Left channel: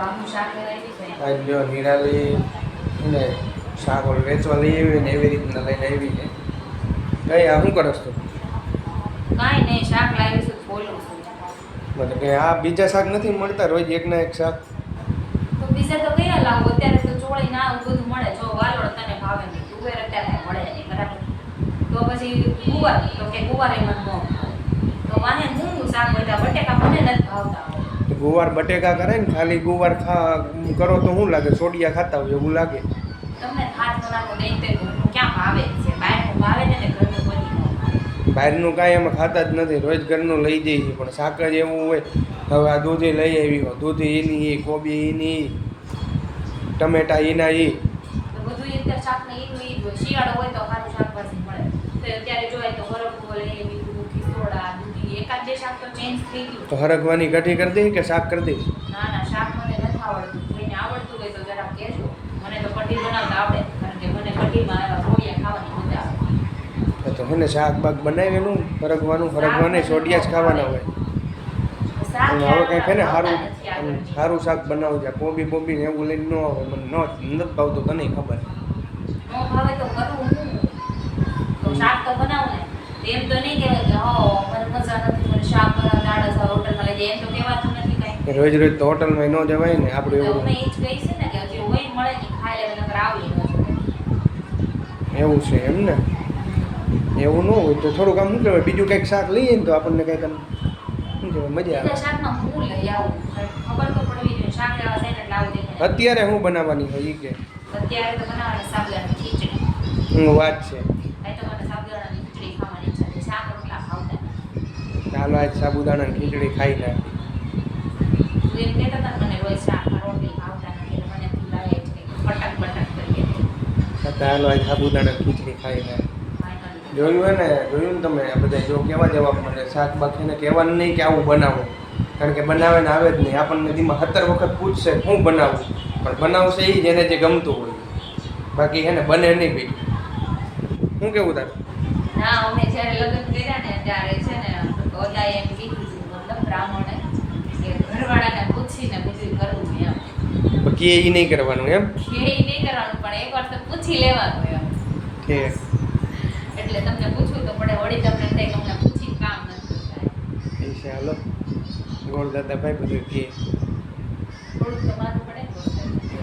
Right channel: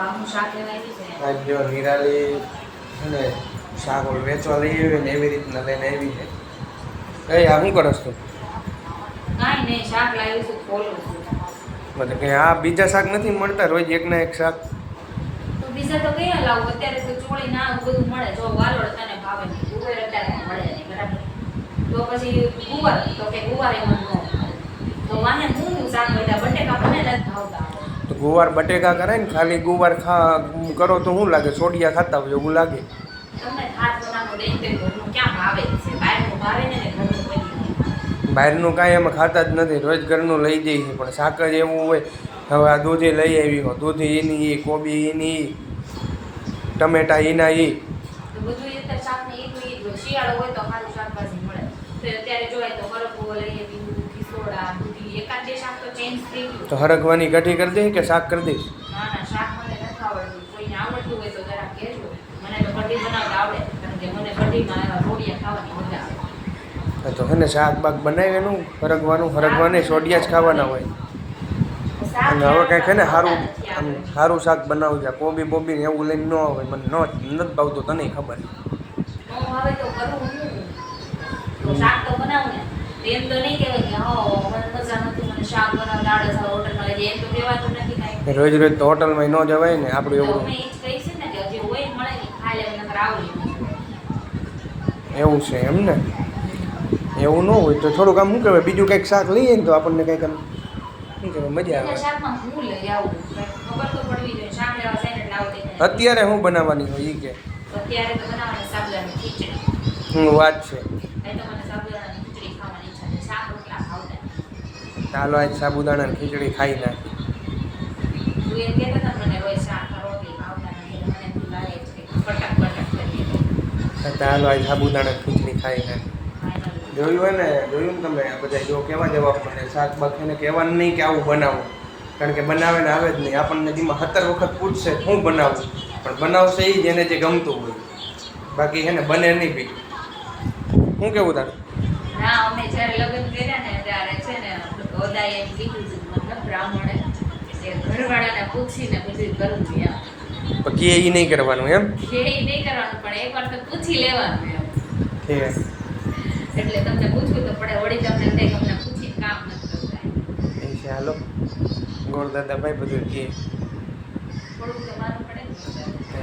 આજ જો નિરાલી ને શાક વેચવા લઈ આવી ને એવી રીતના લઈને આવી છે. કઈ આ શું કરસ તું? કાંઈ નહીં, શાક લાવી છું, ખોલું છું. મતલબ કે આ બીજા શાક નથી મળતા રોજ એક ના એક શાક? બીજા તો કયા લાવું? અત્યારે તો ચોળી ના બધું મળે. જો વાલોળ તને ભાવે નહીં, તુવેર અત્યારે મળે નહીં, બરાબર? તો પછી ગુવાર, તો કે ગુવાર એમાં ન ખાય. તો વાહે મૂંગું શાક બધા બટેકા મને નથી ભાવતા. તો ગુવાર બટેકા કરે ને ખાલી ગુવાર કરો તો શું લાગે? સોડિયા ખાતા હોય એવું લાગે. તમને ખાટ બનાવવાનું દઈ તો ઘરનું ક્યાં ભાવે છે? બહારનું ભાવે ને ઘરનું કોઈ નહીં. બહારનું કાંઈ અમે ખાતા જ નથી, રોજ ઘરનું લઈ જઈએ છીએ. પણ શાક જ એવું હોય. હવે આ દૂધી લઈ આવી, દૂધી એની એ, કોબી એની, ટમેટા એના એ. તો બધું અત્યારે શાકને એક હોય. શિયાળો હોય તો સારું શાકભાજી મળે. તો અત્યારે જોવાય તો હરકું લઈ આવી, ખીસોડા, દૂધી, એકાદ બે શાક તો ચેન્જ થઈ ગયું. તો હરગવાની કઢી કરી દઈ કે શાક કરી દઈશ? ના ના, શાક મને નથી આવડતું. કોઈને આવડતું હોય તો જરા કહેજો. મને તો કઢી બનાવતા આવડે, કારણ કે મને કઢીમાં એવા રોડિયા ખાવાની મજા આવે. તો હે ને શાક બાક બનાવેલું હરગવાને સોડિયા જ ખાવાના હોય. અને હવે કંઈક હે ને સારું શાક બનાવજે. કોબી બોબી ને એવું લઈને ન આવે, મને નથી ભાવતું, તને ખબર. ન ભાવે તો કરું હું. તો શાક તો બનાવું ને. એમ તો નહીં કહેવાય કે હા મને મજા નથી, મને શાક બનાવતા આવડે છે, હોટલમાં લઈ જાય, એમ તો કહેવાતું નથી કાંઈ. રોજ રોજ તો હોટલમાં ન જવાય ને આપણું એવું. મેં એ જ કહીશ ને કે જે હોય મળે ને ખાઈ લેવા, નકર આવડી ન જાય. એવું છે એમ ને? એવું ન હોય તો થોડુંક આમ શું કહેવાય, બીજું કંઈક શાક લઈએ ને તો આપણને કંઈક આમ શું કહેવાય મજા આવે. શાકમાં હું લઈ આવું ખબર તો પડવી જોઈએ. શાક લેવા જાય ને એટલે આવું દેખાય. અત્યારે શું બનાવવાની હોય એ કે? અત્યારે તો બનાવવાની સાબુદાણાની ખીચડી. વાત છે. ભાઈ તો મને સાબુદાણાની ખીચડી ખાવાની ઈચ્છા છે. શાક રોટલા ખાવતા. ચાલો આજ સાબુદાણાની ખીચડી ખાઈ નાખી. તું એમ કહેતા હતા મને રોજ શાક રોટલી ખાવતા નથી, મને તું લાગે છે પટક પટક કરીએ. ચાલો આજ સાબુદાણાની ખીચડી ખાઈ નાખી. જોયું ને તમે બધા જો કેવા જવાબ મને શાક બાકીને કહેવાનું નહીં કે આવું બનાવો, કારણ કે બનાવે ને આવે જ નહીં. આપણને જેમાં 17 વખત પૂછશે હું બનાવું, પણ બનાવશે એ જ એને જે ગમતું હોય. બાકી હે ને બને નહીં બીજું. શું કેવું તારું? ના, અમે જ્યારે લગ્ન કર્યા ને ત્યારે છે ને બધાએ એમ કીધું હતું, મતલબ બ્રાહ્મણે કે ઘરવાળાને પૂછીને બધું કરવું એમ. બાકી એ નહીં કરવાનું એમ? કે એ નહીં કરવાનું, પણ એકવાર તો પૂછી લેવાનું એમ. ઠીક. એટલે તમને પૂછવું તો પડે, વળી તમને કંઈ તમને પૂછી કામ નથી કરતા. એ છે. હાલો ગોળ દાદા ભાઈ બધું કહે. થોડુંક તો માનવું પડે ને.